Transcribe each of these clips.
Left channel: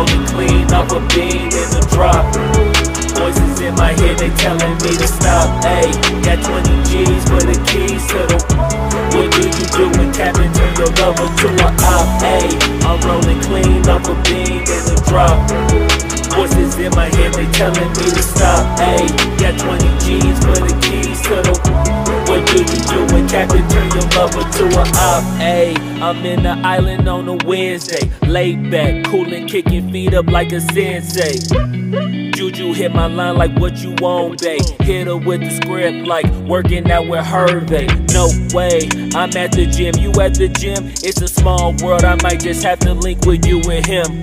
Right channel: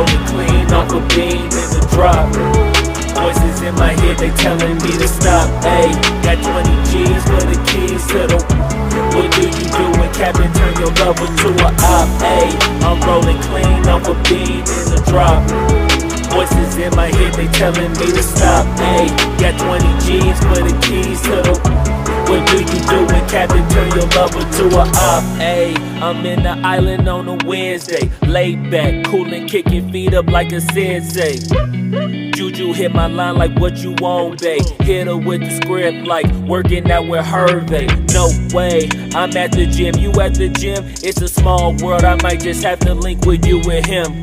rolling clean off a beam in the drop. Voices in my head, they telling me to stop. Ayy, got 20 G's for the keys to the. What do you do when Captain turn your lover to a op? Ayy, I'm rolling clean off a beam in the drop. Voices in my head, they telling me to stop. Ayy, got 20 G's for the keys to the. What do you do when Captain turn your lover to a op? Ayy, I'm in the island on a Wednesday, laid back, coolin', kicking feet up like a sensei. Juju hit my line like what you want, babe. Hit her with the script like working out with Hervey. No way, I'm at the gym, you at the gym. It's a small world, I might just have to link with you and him.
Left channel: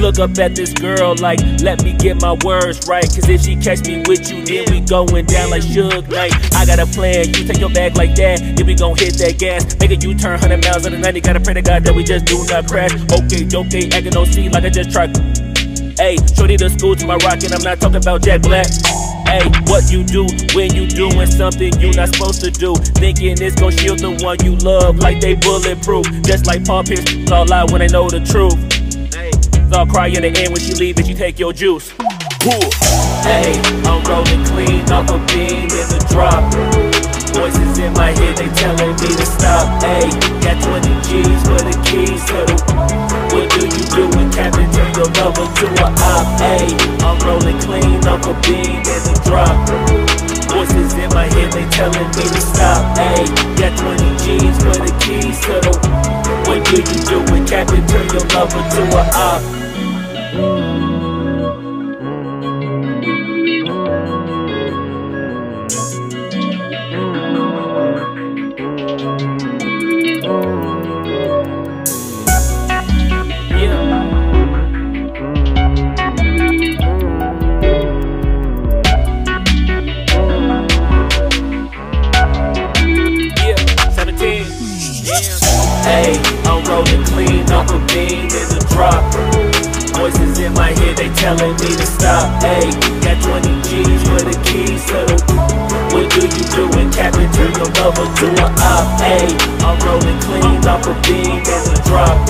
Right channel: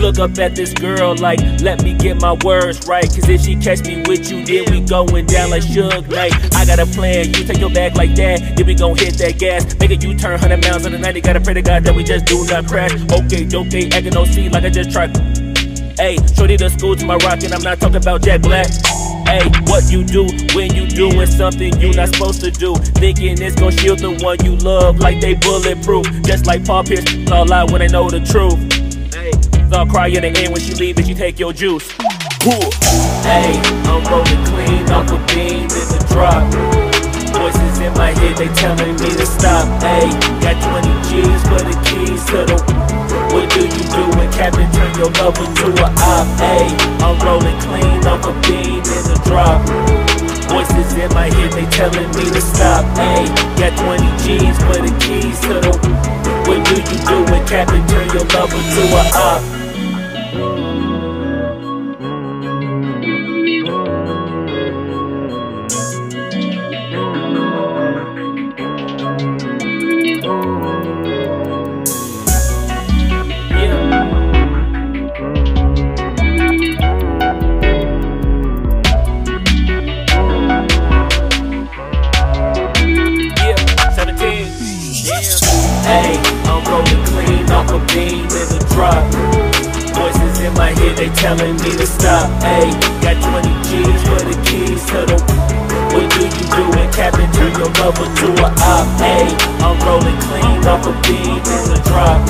Look up at this girl like, let me get my words right. Cause if she catch me with you, then we going down like Suge Knight. I got a plan, you take your bag like that, then we gon' hit that gas. Make a U-turn 100 miles on the 90, gotta pray to God that we just do not crash. Okay, acting no C like I just tried. Ayy, shorty the school to my rock and I'm not talking about Jack Black. Ayy, what you do when you doing something you not supposed to do? Thinking it's gon' shield the one you love like they bulletproof. Just like Paul Pierce, all lie when they know the truth. Ayy, I'll cry in the end when she leave and she take your juice. Ayy, I'm rolling clean off a beam in the drop. Voices in my head, they telling me to stop. Ayy, got 20 G's for the keys to the. What do you do when Captain turn your lover to a op? Ayy, I'm rolling clean off a beam in the drop. Voices in my head, they telling me to stop. Ayy, got 20 G's for the keys to the. What do you do when Captain turn your lover to a op? Ayy, I'm rolling clean off a beam in the drop. Voices in my head, they telling me to stop. Ayy, got 20 G's for the keys to the. What do you do when Captain turn your lover to a op? Ayy, I'm rolling clean off a beam in the drop.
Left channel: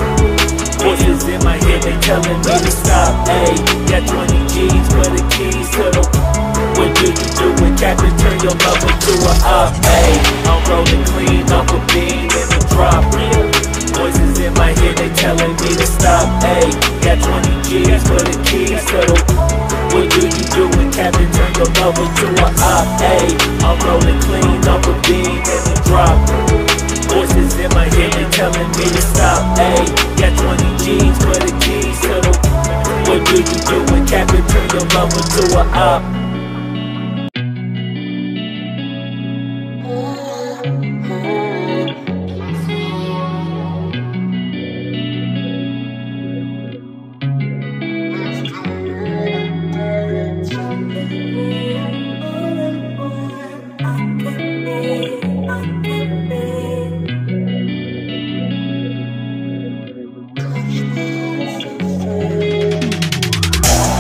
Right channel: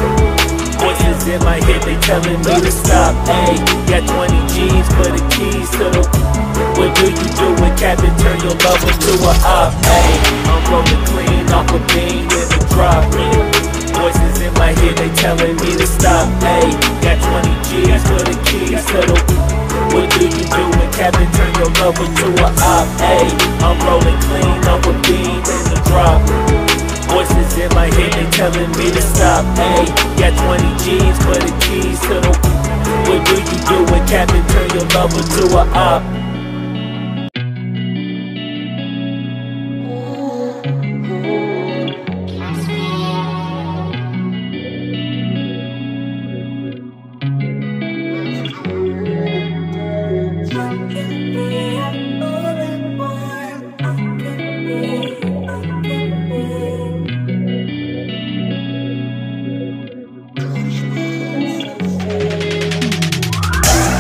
Voices in my head, they telling me to stop. Ayy, got 20 G's for the keys to the. What do you do when Captain turn your lover to a op? Ayy, I'm rolling clean off a beam in the drop. Voices in my head, they telling me to stop. Ayy, got 20 G's for the keys to the. What do you do when Captain turn your lover to a op? Ayy, I'm rolling clean off a beam in the drop. Voices in my head, they telling me to stop. Ayy, got 20 G's for the keys to the. What do you do when Captain turn your lover to a op?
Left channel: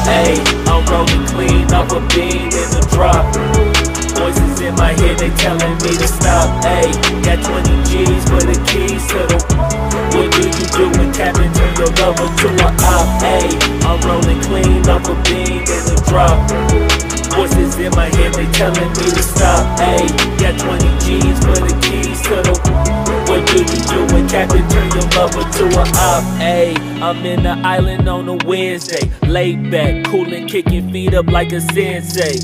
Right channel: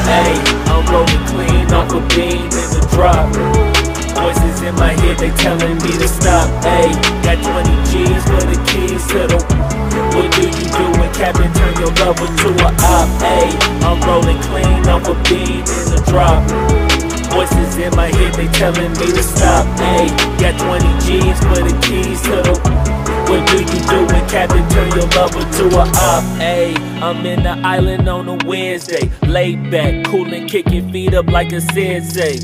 Ayy, I'm rolling clean off a beam in the drop. Voices in my head, they telling me to stop. Ayy, got 20 G's for the keys to the. What do you do when Captain turn your lover to a op? Ayy, I'm rolling clean off a beam in the drop. Voices in my head, they telling me to stop. Ayy, got 20 G's for the keys to the. What do you do when Captain turn your lover to a op? Ayy, I'm in the island on a Wednesday, laid back, coolin', kicking feet up like a sensei.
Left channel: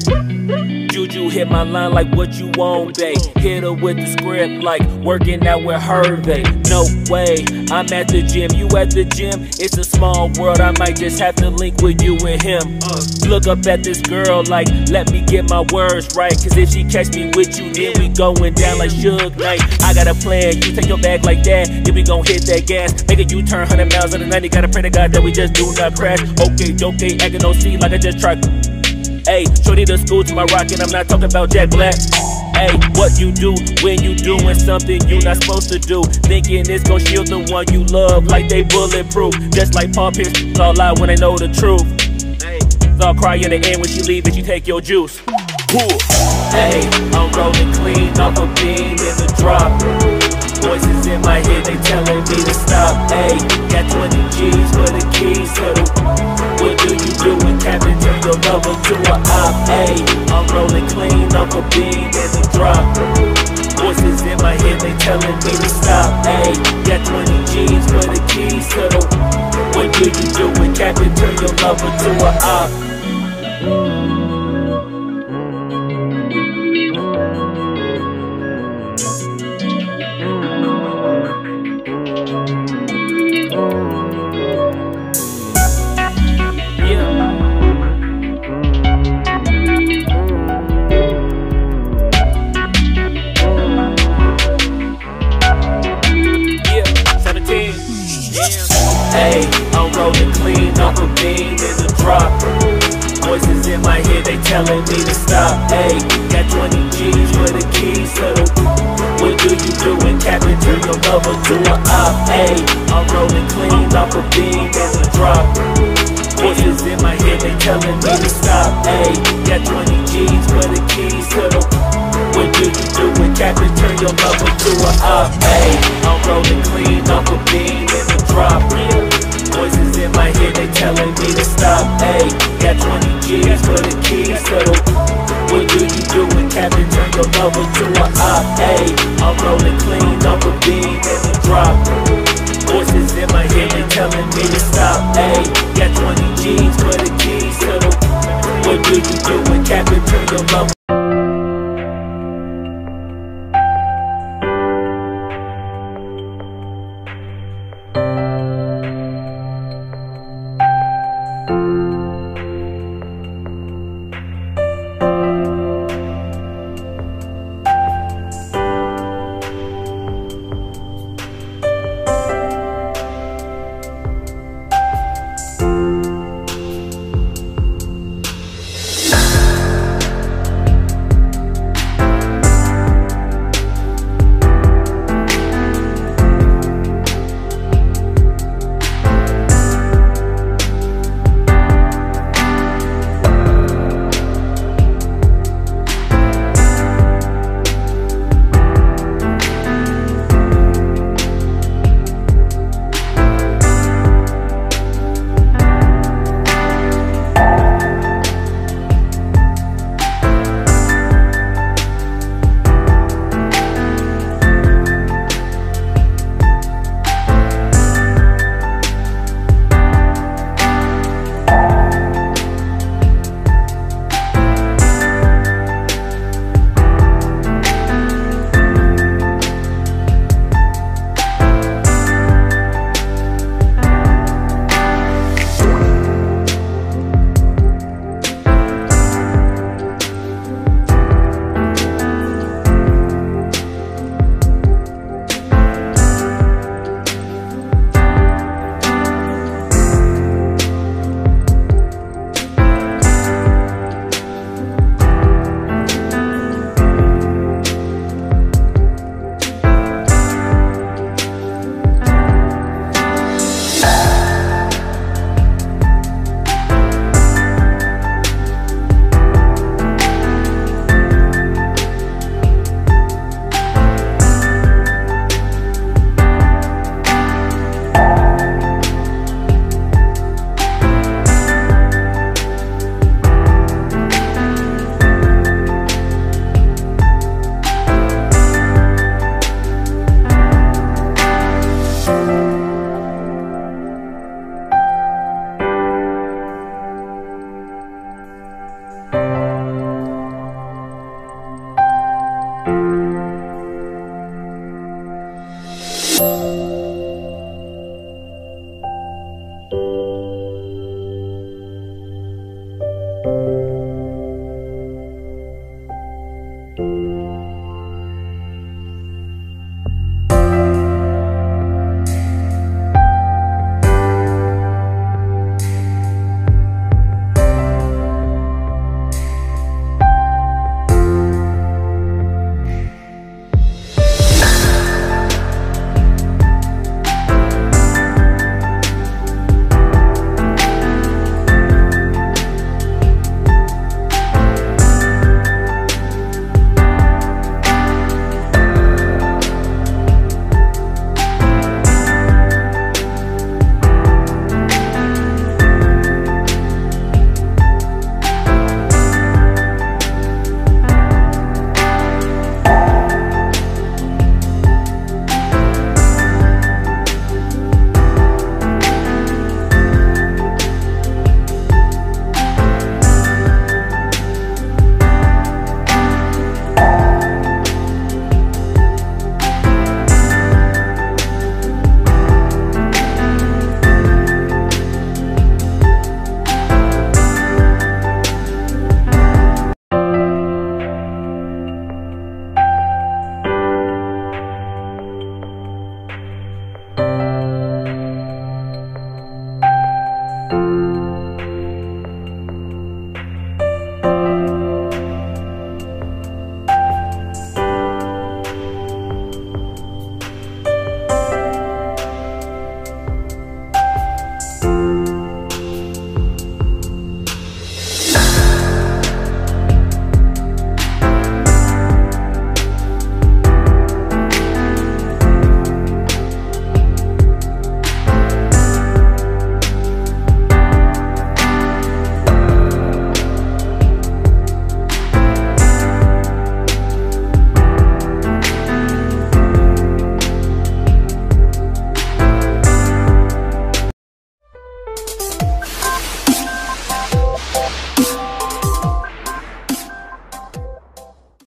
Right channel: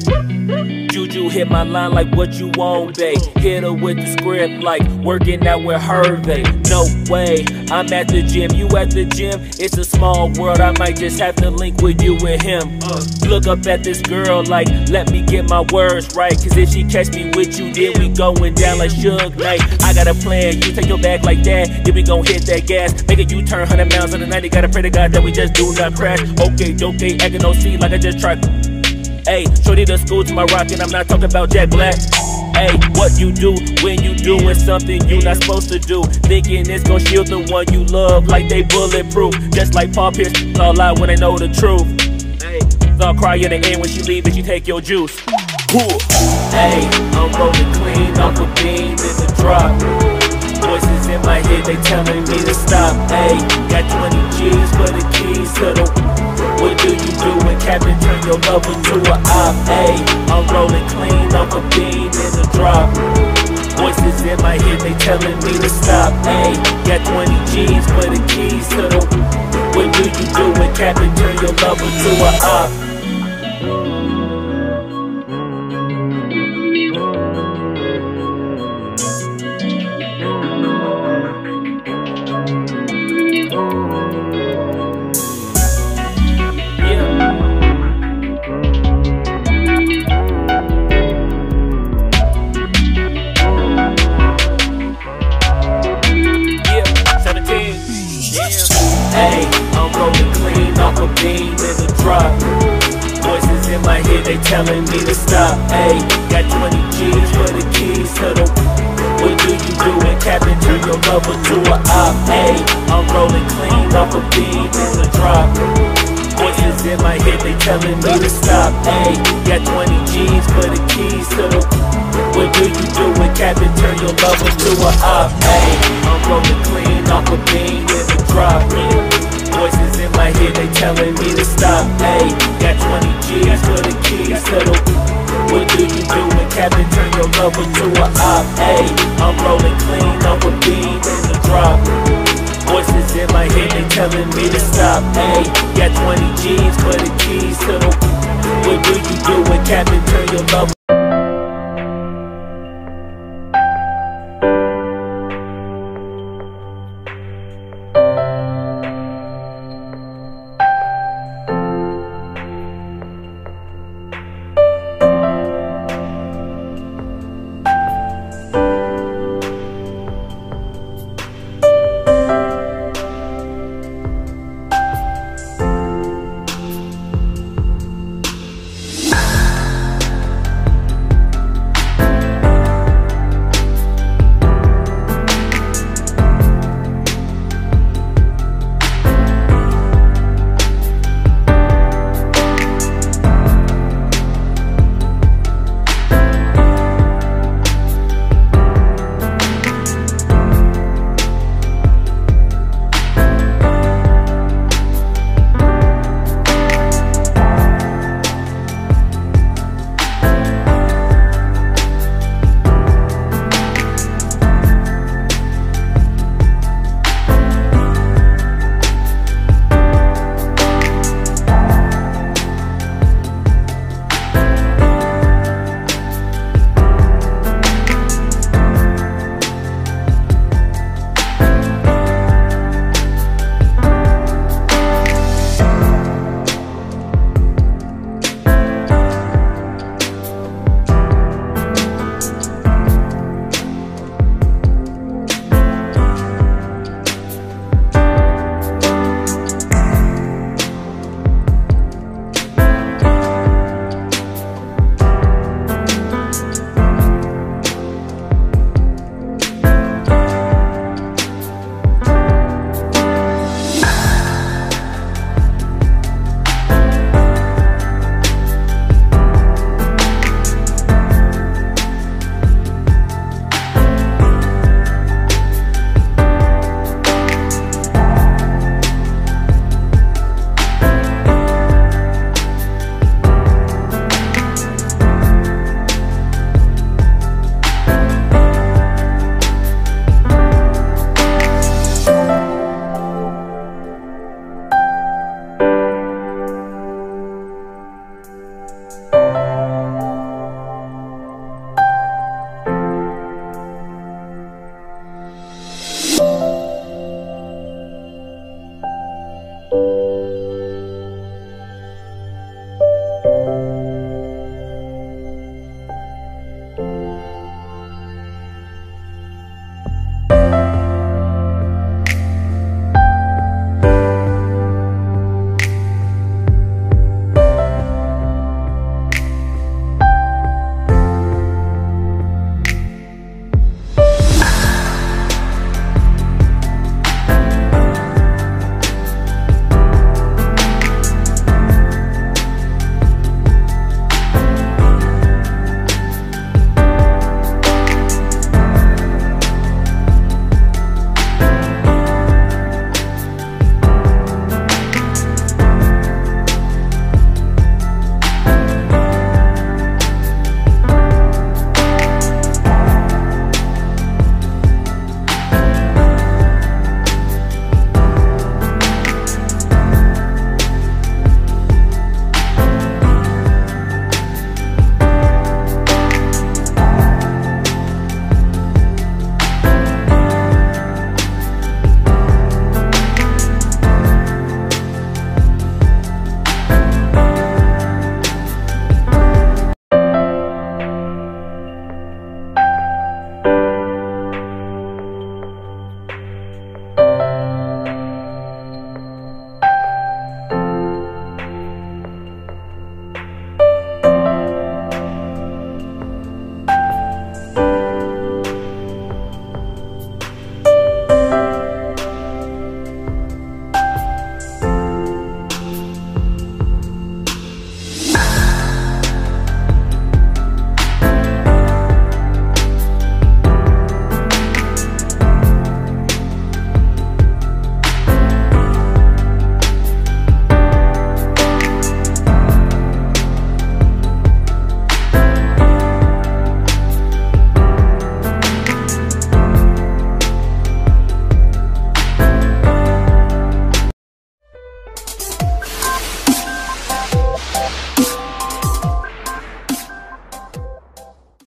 Juju hit my line like what you want, babe. Hit her with the script like working out with Hervey. No way, I'm at the gym, you at the gym. It's a small world, I might just have to link with you and him. Look up at this girl like, let me get my words right. Cause if she catch me with you, then we going down like Suge Knight. I got a plan, you take your bag like that, then we gon' hit that gas. Make a U-turn 100 miles on the 90, gotta pray to God that we just do not crash. Okay, acting no C like I just tried. Ayy, shorty the school to my rock and I'm not talking about Jack Black. Ayy, what you do when you doing something you not supposed to do? Thinking it's gon' shield the one you love like they bulletproof. Just like Paul Pierce, all lie when they know the truth. Ayy, I'll cry in the end when she leave and she take your juice. Ayy, I'm rolling clean off a beam in the drop. Voices in my head, they telling me to stop. Ayy, got 20 G's for the keys to the. Captain, turn your lover to a op. Ayy, I'm rolling clean off a beam in the drop. Voices in my head, they telling me to stop. Ayy, got 20 G's for the keys to the. What do you do when Captain turn your lover to a op? Ayy, I'm rolling clean off a beam in the drop. Voices in my head, they telling me to stop. Ayy, got 20 G's for the keys to the. What do you do when Captain turn your lover to a op? Ayy, I'm rolling clean off a beam in the drop. Voices in my head, they telling me to stop. Ayy, got 20 G's for the keys to the. What do you do when Captain turn your lover to a op? Ayy, I'm rolling clean off a beam in the drop. Voices in my head, they telling me to stop. Ayy, got 20 G's for the keys to the. What do you do when Captain turn your lover to a op? Ayy, I'm rolling clean off a beam in the drop. Voices in my head, they telling me to stop. Ayy, got 20 G's for the keys to the. What do you do when Captain turn your lover